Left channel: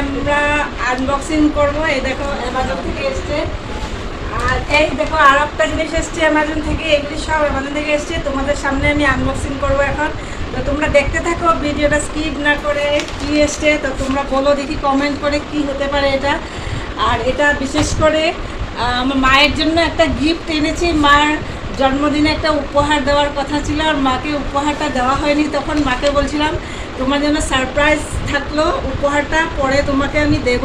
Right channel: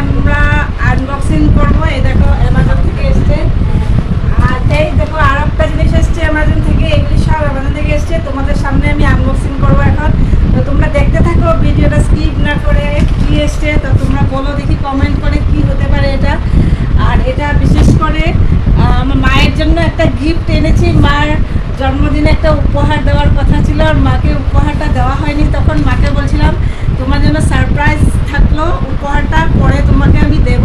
আমরা আনবক্সিং করবো। এই দেখো অ্যামাজন থেকে এসছে, আর এই দেখো আর একটা জিনিস এসছে অ্যামাজন থেকে। এগুলি সব অ্যামাজন থেকে এসছে, তোমাদের সামনে আমি আনবক্সিং করবো এখন। তো তোমরা দেখতে থাকো, ভিডিওটা স্কিপ না করে। কি এসছে তো তোমরা বলো দেখি কমেন্ট করে কি হতে পারে এটা। আর এটা বিশেষ করে আমার মায়ের জন্য একটা গিফট এনেছি। মার জন্মদিনে একটা উপহার দেওয়ার কথা ছিল, আর মাকে উপহারটা দেওয়া হয়নি। তখন মাকে বলছিলাম তোমার জন্য সারপ্রাইজ থাকলো, উপহারটা পরে তোমাকে আমি দেব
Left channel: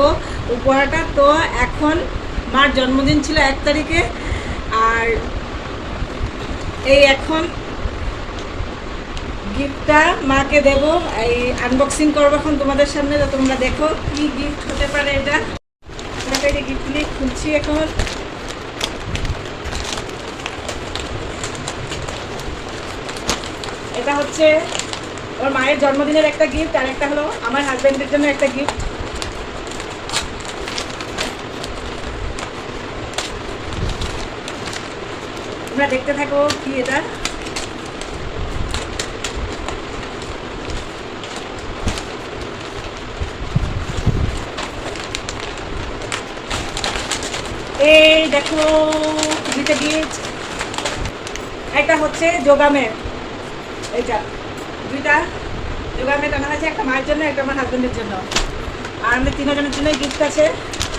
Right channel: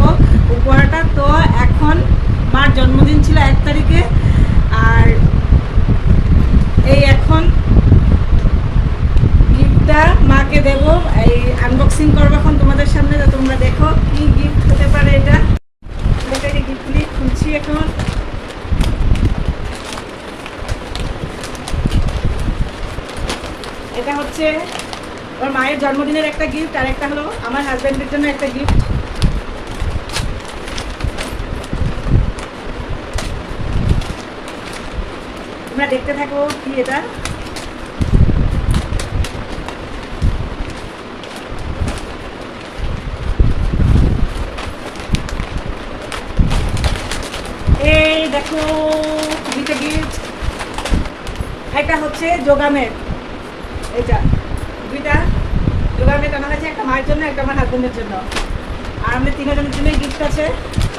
উপহারটা। তো এখন মার জন্মদিন ছিল 1 তারিখে, আর এই এখন গিফটটা মাকে দেব। এই আনবক্সিং করবো এখন তোমাদের সামনে। তো তোমরা দেখো কি গিফট হতে পারে এটা। এই গিফটগুলি খুলছি এখন। এটা হচ্ছে ওর মায়ের জন্মদিনের একটা গিফট, আর একটা হলো আমার হাজবেন্ডের জন্য একটা গিফট। তোমরা দেখতে থাকো কি এটা। এই দেখো দুইটা গিফট। এটা হচ্ছে যোগামের, এইটা দুইটা যোগামের আনা হয়েছে, একটা মায়ের জন্য একটা আমার হাজবেন্ডের জন্য। আর আমাদের 3 জনের জন্য গিফট আছে।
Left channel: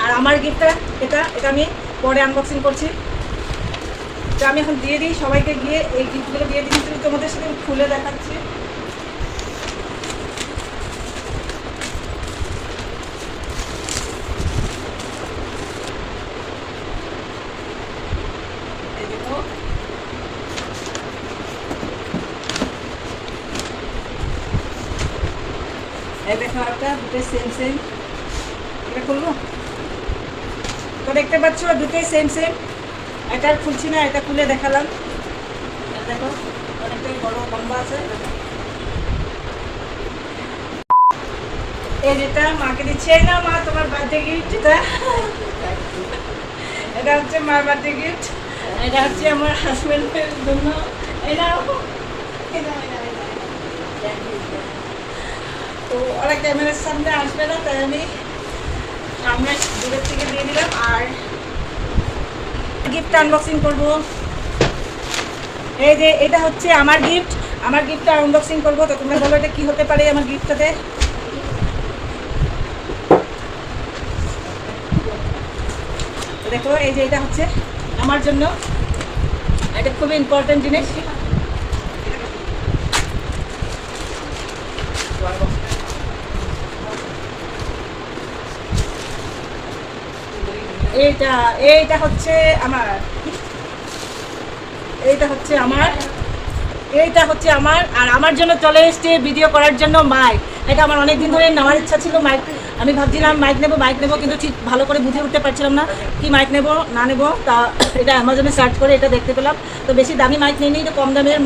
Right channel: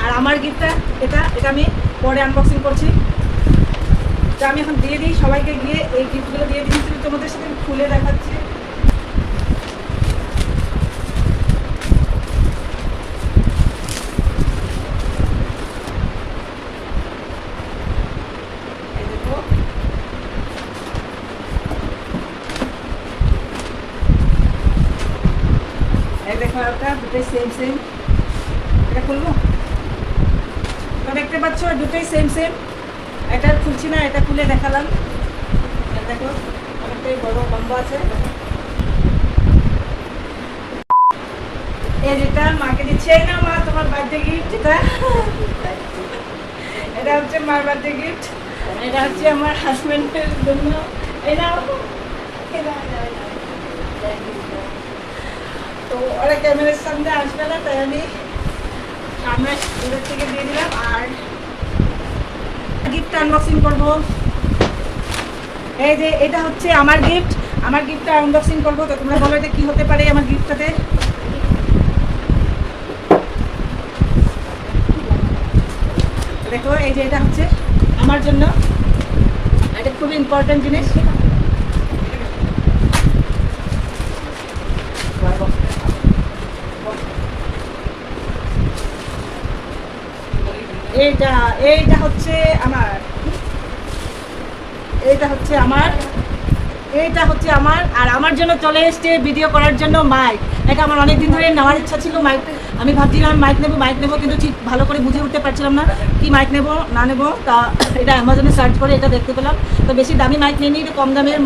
আর আমার গিফটটা এটা এটা আমি পরে আনবক্সিং করছি। তো আমি এখন দিয়ে দিই সবাইকে, গিয়ে এই গিফটগুলো দিয়ে দিচ্ছি, তোমাদের সাথে খুলে দেখাচ্ছি। এই দেখো, এই দেখো একটা দুটোই সেম সেম। এটা খুলবো, তো দেখতে পাচ্ছ দুটোই সেম সেম। এটা খুলছি না, এটা খুলে দেখালাম। দেখো অনেকটাই বড় লম্বা আছে। এই যেটা মাকে দিচ্ছে, এই না মা তোমার বার্থডে গিফট। এটা হচ্ছে মার বার্থডে গিফট। এটা হচ্ছে আমার হাজবেন্ডের জন্য। এটা তো ওরা ক্যামেরার সামনে আসবে না, তাই আমি আমরা দূরের থেকে দিয়ে দিলাম। আর গিফট আনবক্সিং করবো। এই যে এটা হচ্ছে আমার গিফট, আমার গিফটটা আনবক্সিং করবো। তো তোমরা বলো এটা কি হতে পারে আমার গিফটটাতে। দেখো এই যে এটা হচ্ছে আমার জন্য, এটা খুবই ইম্পর্টেন্ট জিনিস। এইটা এইটা হচ্ছে আমার, এইটা হচ্ছে আমার, এইটা হচ্ছে আমার। আর আমার জন্য চলে এসছে ভিডিও করার জন্য মাইক। এটা আমার অনেকদিন ধরে নেওয়ার ইচ্ছা ছিল মাইক। আমি ভাবছিলাম মাইক নেবো, কিন্তু ঠিক ভালো করে বুঝে উঠতে পারছিলাম না কি মাইক নেবো না নেবো। তা এটা অ্যামাজনে সার্চ করে এটা দেখতে পেলাম। তো বেশি দামি মাইক নিইনি, তো কম দামের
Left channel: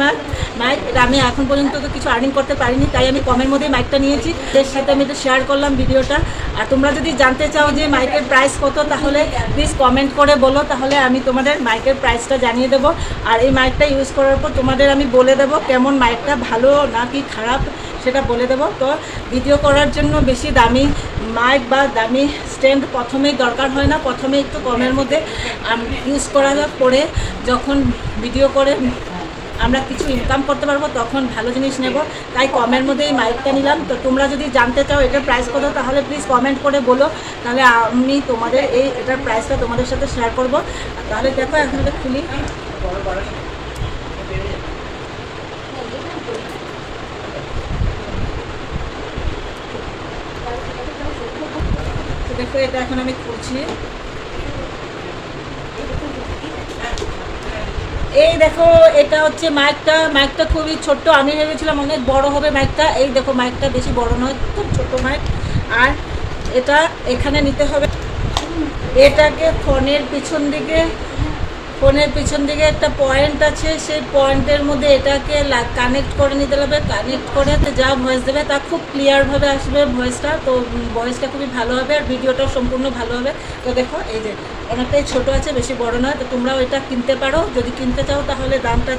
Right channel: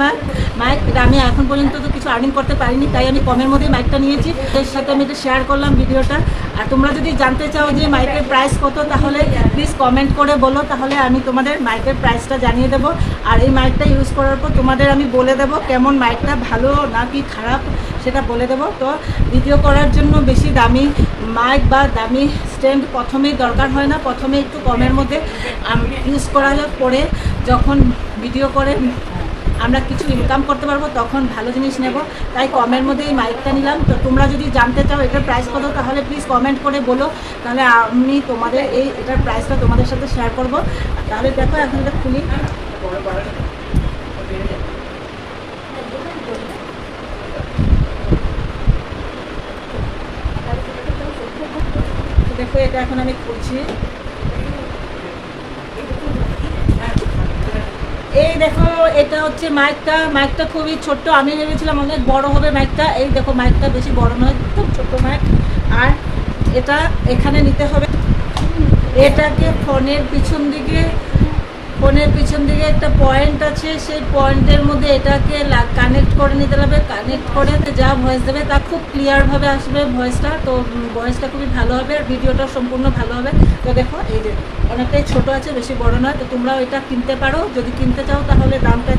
মাইক। এটা আমি এখন পর্যন্ত তো কিছু আর্নিং করতে পারিনি, তাই আমি কমের মধ্যে মাইকটা নিয়েছি। এর সাথে আমি এটা শেয়ার করলাম ভিডিওটা। আর তোমরা যদি জানতে চাও যে মাইকের প্রাইস কত, তাহলে প্লিজ কমেন্ট করে বলো, তাহলে আমি তোমাদের মাইকের প্রাইসটা জানিয়ে দেবো। আর এই মাইকটা ইউজ করার পর তোমাদের আমি বলে দেবো কেমন মাইকটা ভালো না কি খারাপ, সেটা বলে দেবো। তো ভিডিও করার জন্য বেশি দামি মাইক বা দামি স্ট্যান্ড প্রথমেই দরকার হয় না। প্রথমে একটু কমের মধ্যে ইউজ করার পরে যখন ভিডিও করে আমরা কিছু ইনকাম করতে পারবো, তখন ভালো জিনিস নেব। তাই কমের মধ্যে এই মাইকটা নিলাম। তো তোমরা যদি জানতে চাও এটার প্রাইস কত, তাহলে প্লিজ কমেন্ট করে বলো, তাহলে আমি তোমাদের এটার প্রাইসটা তোমাদের সাথে শেয়ার করবো। তাহলে দেখো এখন এটা খুলি। দেখো এটা এখন আমি খুলছি। এই দেখো এটা হচ্ছে মাইকটা খুবই ছোট্ট। আমি ভেবেছিলাম অনেক বড় হবে মাইকটা। এই দেখো মাইকটা বেশি বড় নয়, খুব ছোট মাইক। আর এটা এখানে নিতে হবে, এটাকে ফোনের পিছন দিকে একটা পয়েন্ট আছে, সেই পয়েন্টের মধ্যে এটাকে কানেক্ট করে নিতে হবে। কানেক্ট করে যা ভয়েস দেবে তা খুব ক্লিয়ারভাবে আসবে ভয়েসটা। তো ভয়েসটা খুবই ভালো হবে, আর ভিডিওটা সম্পূর্ণ ভালো হবে। তো দেখো এই যে অনেকটাই ছোট আছে, বেশি বড় নয়। তো তোমরাও এটা কিনতে পারো। যদি কিনতে চাও তাহলে দামটা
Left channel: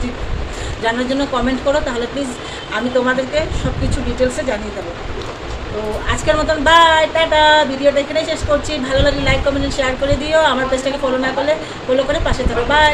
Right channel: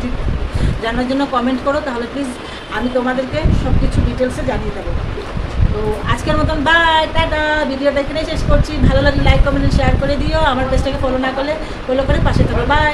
জানার জন্য কমেন্ট করো, তাহলে প্লিজ আমি তোমাদেরকে সব কিছু ডিটেলসে জানিয়ে দেবো। তো আজকের মতন বাই, টাটা। ভিডিওটা এখানেই শেষ করছি। ভালো লাগলে লাইক কমেন্ট শেয়ার করে দিও। আমার পেজটাকে ফলো না করলে ফলো করে পাশে থাকো। বাই।